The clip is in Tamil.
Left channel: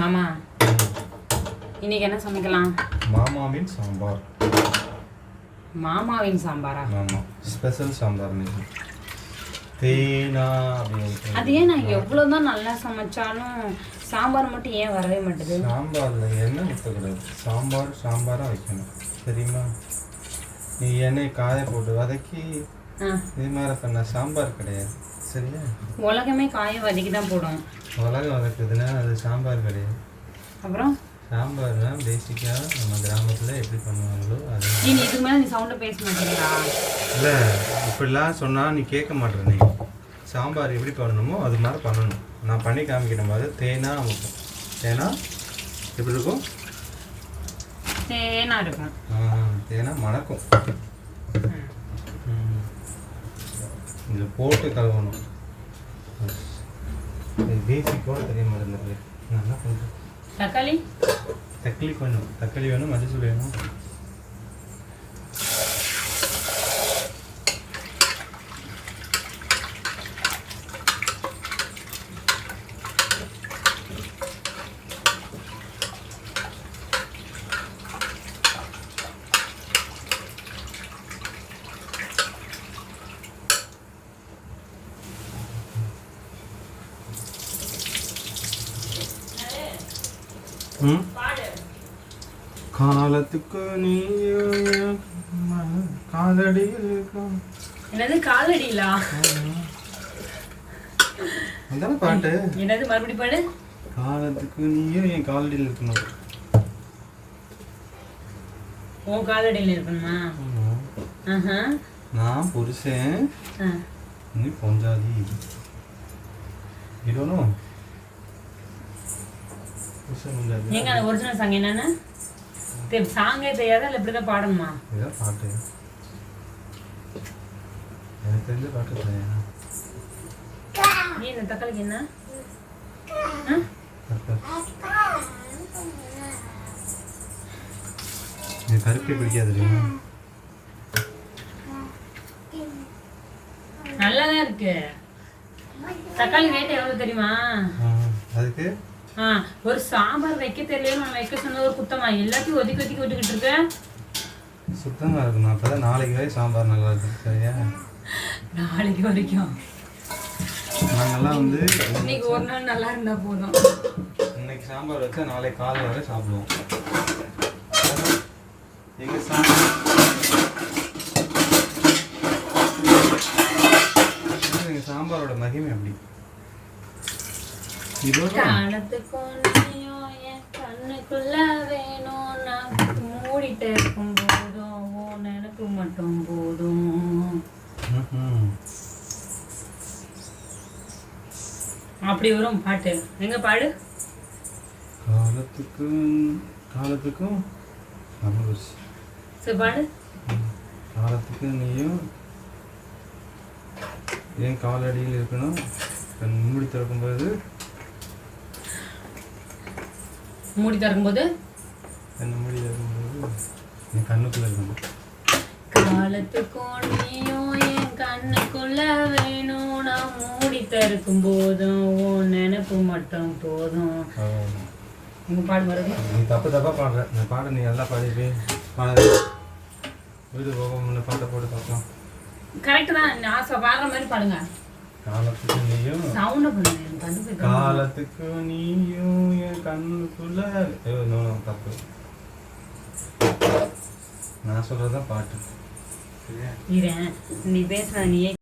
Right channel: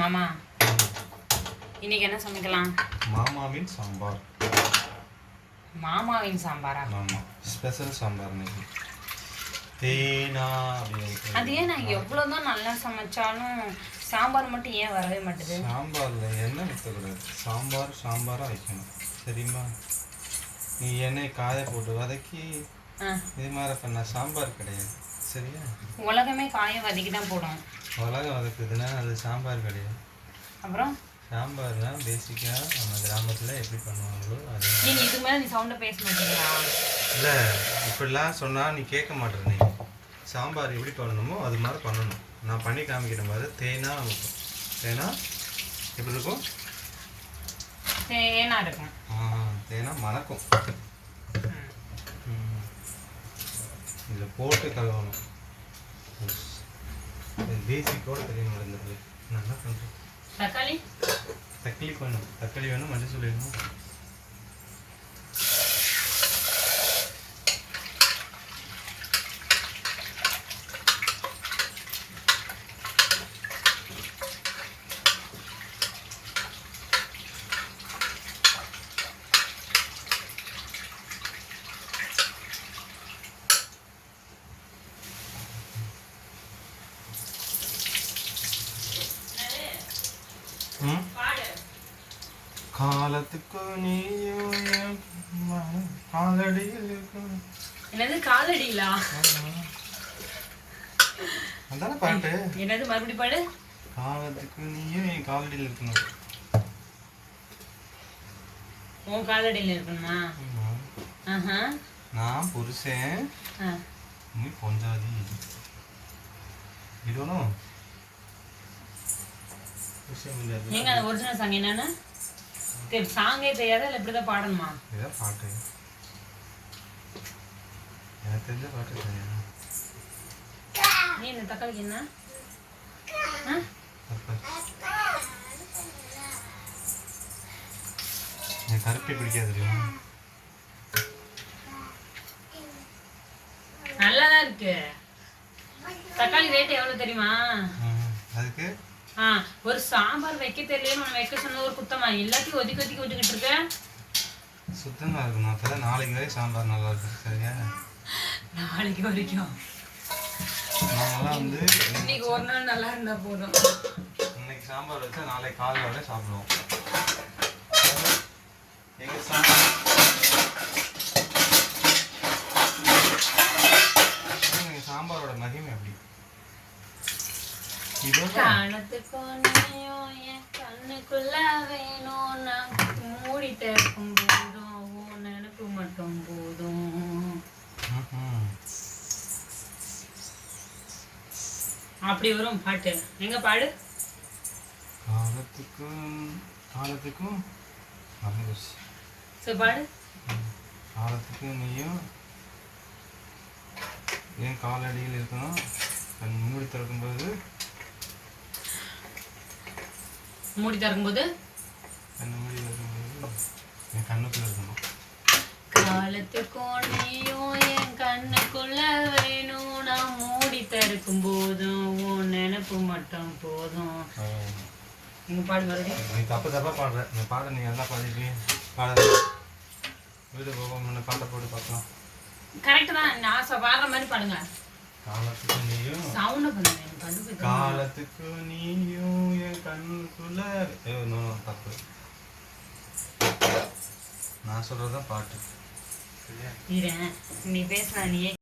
மாமா இன்னைக்கு என்ன சமைக்கலாம்? மாமாவின் சாம்பார். மாமாவின் சாம்பாரா? ஆமா, ஸ்பெஷல் சாம்பார் இன்னைக்கு. தேனா அது ஏன் நான் எவ்வளோதான் நல்லா சமைச்சாலும் சாம்பார் மட்டும் ஏன் வரவே மாட்டேது? சாம்பார்ல எண்ணெய் வைக்கக்கூடாது. சாம்பாராக வைக்கணும், சரிங்களா? நீ எண்ணெய் காய போட்டு வதக்கி இது மாதிரி பண்ண சாம்பார் கிடையாது, சரியா? உலகமே காய வதக்கி தான் போடும். உலகம் வதக்குதுன்னா அது சாம்பார் கிடையாது. அப்புறம் சாம்பார்னா பேசிக்காக நம்ம கிராமத்தில் எப்படி பண்ணுவாங்களோ அது. நீங்கள் இதுக்கு மேலே நீ சவுண்டை பேச மாட்டீங்களா? இல்லை, இப்படிலாம் சொன்னால் நீ கேட்க மாட்டேற. நீ சாம்பார் எப்படி பண்ணணுமோ அது மாதிரி பண்ணணும். நான் பண்ணி காமிக்கிற மாதிரி தேனா வைக்கும். தேனா எப்படி இருக்கும்? தேனா இருக்கும். தேனா மணக்கும். இதில் போட்டு கலவணும். பேசிக்கோட தெரிய மாட்டேங்குது. நான் என்ன பண்ணுறேன்? தக்காளி வேணும். தக்காளி வேணும், மஞ்சள் வேணும். காலத்துக்கு நீயும் காலடியில் இருக்கும். என்னது காலடியிலா? அதான பாட்டு. என்னது மறுபடி பாடு? காலத்துக்கு நீயும் என் காலடியில் இருக்கணும். உன் காலடியில் இருக்கணுமா? நான் புருஷன், நீ பொஞ்சாதி. இதுவனும் நீங்க அந்த ஒரிஜினல் சாங் என்னன்னு சாங்கே தெரியாதா இல்லை இப்படிதான் பாடணுமா? இதான் பாட்டு. எனக்கு தெரிஞ்ச பாட்டு இல்லையா? நீ இந்த தக்காளிக்கு என்ன? எனக்கு கருப்பே பிடிக்காது. நல்லாதான் இருக்கு. தக்காளி ரேட் எவ்வளவு தெரியுமா? அதுக்கு ஒரு சாம்பார் வைக்க தெரியலன்னு வைக்க சொன்ன ஒரு குத்தமா எல்லாத்தையும் ஒதுக்கி விட்டுக்கிட்டு இருக்க. சுத்தமா இருக்கணும். அப்பதான் நாளைக்கு வரை சாம்பார் நல்லா இருக்கும், சரியா? நாளைக்கு வரைக்கும் நாங்கெல்லாம் வந்து இன்னைக்கு ஒரு நாள் நல்லா இருந்தா போதும். இன்னைக்கு சாம்பார் வச்சா நாளைக்கு காலை வரை சாப்பிடுவோம். எங்க சாம்பார் சாம்பாரோட மகிமை அப்படி. கண்ணுக்குள்ள வேணும், நான் மூடிட்டு இருக்கும் போதும் உன் நினைப்பு மட்டும் போதும். அப்படி வரும் பாட்டு. எங்க பாடு? காலத்துக்கும் சரி பாடு. காலத்துக்கு நீயும் என் காலடியில் இருக்கணும். மூடி திறக்கும்போது மூடி திறக்கும்போது என் கண்ணுக்குள்ள இருக்கணும். காலத்துக்கும் நீயும் என் கண்ணுக்குள்ள வேணும், நான் மூடி திறக்கும் போதும் உன் நினைப்பு மட்டும் போதும். நீங்க பாடு மறுபடியும். நீ தப்பா பாடுற. நீ பாடு, நீ நல்லா பாடிட்டு பாடு. வீடு போக பாட்டை போட்டு பார்க்கலாம். கரெக்ட் தான். நான் பாடுற மாதிரி பாடுங்க. காலத்துக்கு நீயும் சவுண்ட் பண்ணுங்க. காலத்துக்கு நீயும் என் கண்ணுக்குள்ள தப்பு. நான் சொல்றதுதான் பாட்டு. நீ பேசுற நீயே